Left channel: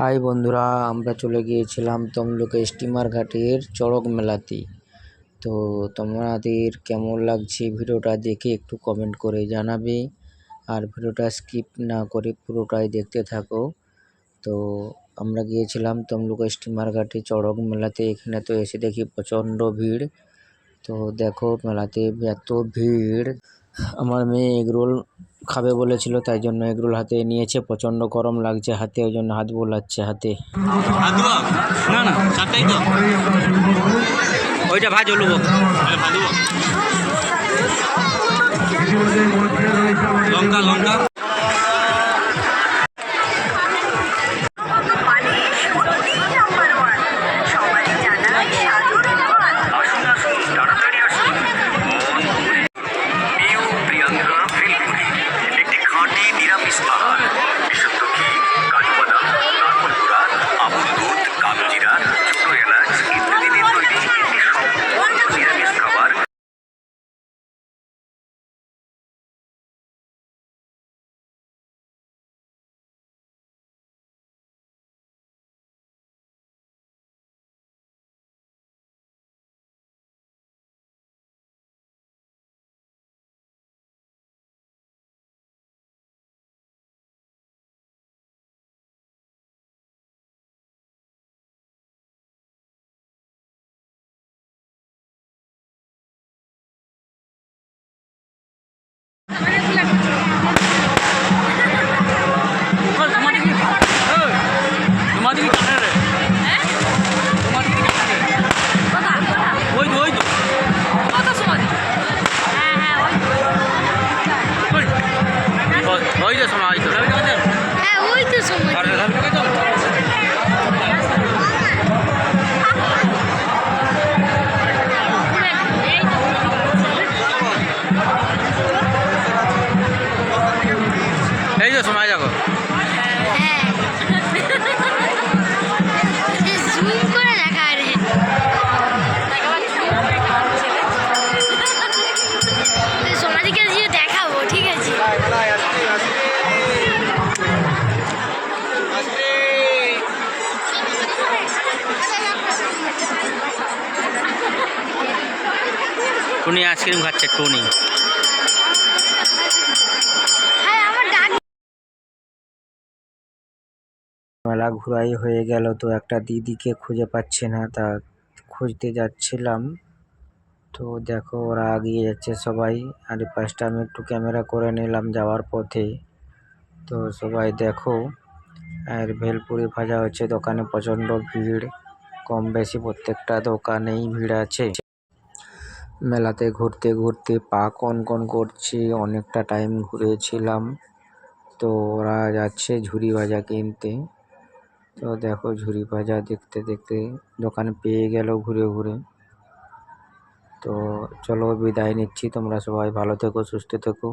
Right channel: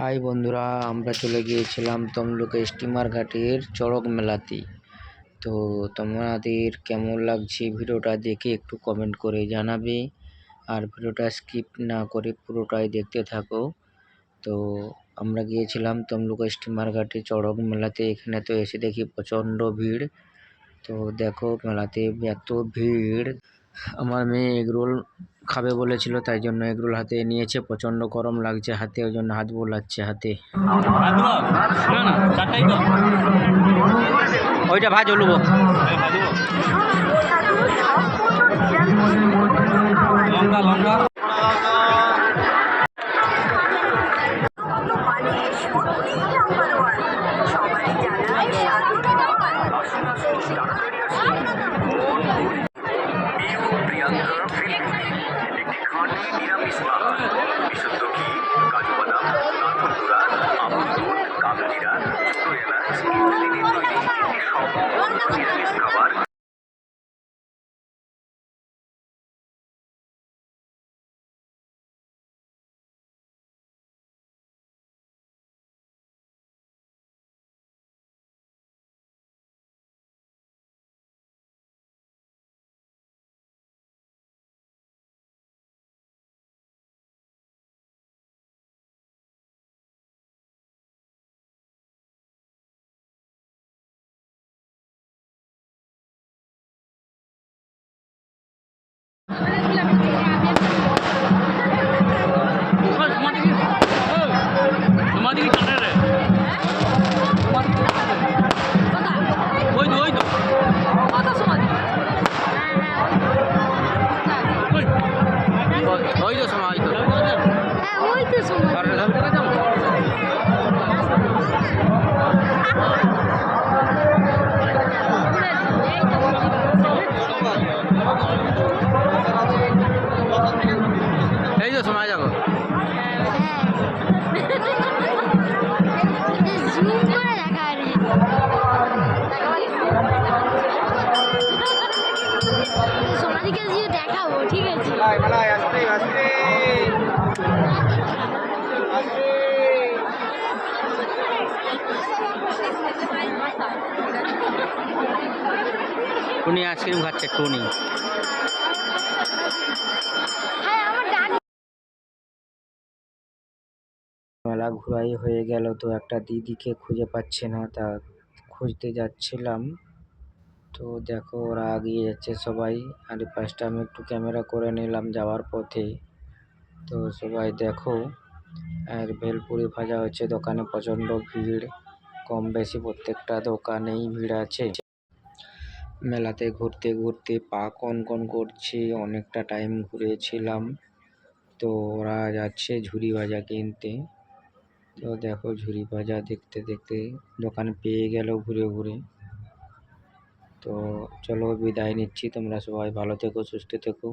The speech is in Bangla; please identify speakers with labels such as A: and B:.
A: হাই বন্ধুরা, আমরা চলে গিয়েছিলাম তমলুকে স্টিমার ঘাটের চড়ক মেলাতে। তো তোমাদের কেমন লাগছে ভিডিওটা দেখে একটু কমেন্ট করে জানাবে। আর ভিডিওটা স্কিপ না করে পুরোটাই দেখতে থাকো। তো আমরা গিয়েছিলাম তমলুক স্টিমার ঘাটে চড়ক মেলাতে, এখানে তো এসে দেখি প্রচণ্ড ভিড়। তো দেখো মেলাতে এত ভিড়। আমার মেয়ে এগরোল খাবে বলেছিল তাই জন্য এগরোল হাতে নিয়েছে। প্রচণ্ড গরম লাগছে হাতে ওই জন্য হাত বোলাচ্ছে হাতে। ওইটা ভাজ
B: হলুব লঙ্কা লঙ্কা। ওই তো। ওই তো
A: সময়
C: হ্যাঁ ওই তো সময়।
A: এই সময় যাব টুনি আইসক্রিম খাচ্ছে টুনি। মেলা ঘুরাই হয়ে গেল তো একটা দিদিকে খুঁজে পাচ্ছে না, তা খুঁজতে যাচ্ছিলাম। তো দেখো ওরা এগিয়ে যাচ্ছে সবাই। আর এই আমি একটু ক্যামেরা করে নিলাম যাওয়ার পথে। তো সবাই দেখো, আর ভেলপুরি ভাজা হচ্ছে, দোকানে প্রচণ্ড ভিড়, কম বেশি প্রত্যেকটা দোকানেই ভিড় আছে। মেলাতে ঘুরতে ঘুরতে পা কন কন করছে, অনেকটা টাইম ঘুরেছিলাম। তো ওরা যাচ্ছে ঝুড়ি ভাজা কিনতে। তো দেখো ঝুড়ি ভাজা দেখতে দেখতে দোকান পেয়ে গেল ঘুরে ঘুরে। তো চলো বিদায় নিচ্ছি, তোমরা সবাই ভালো থেকো, সুস্থ থেকো।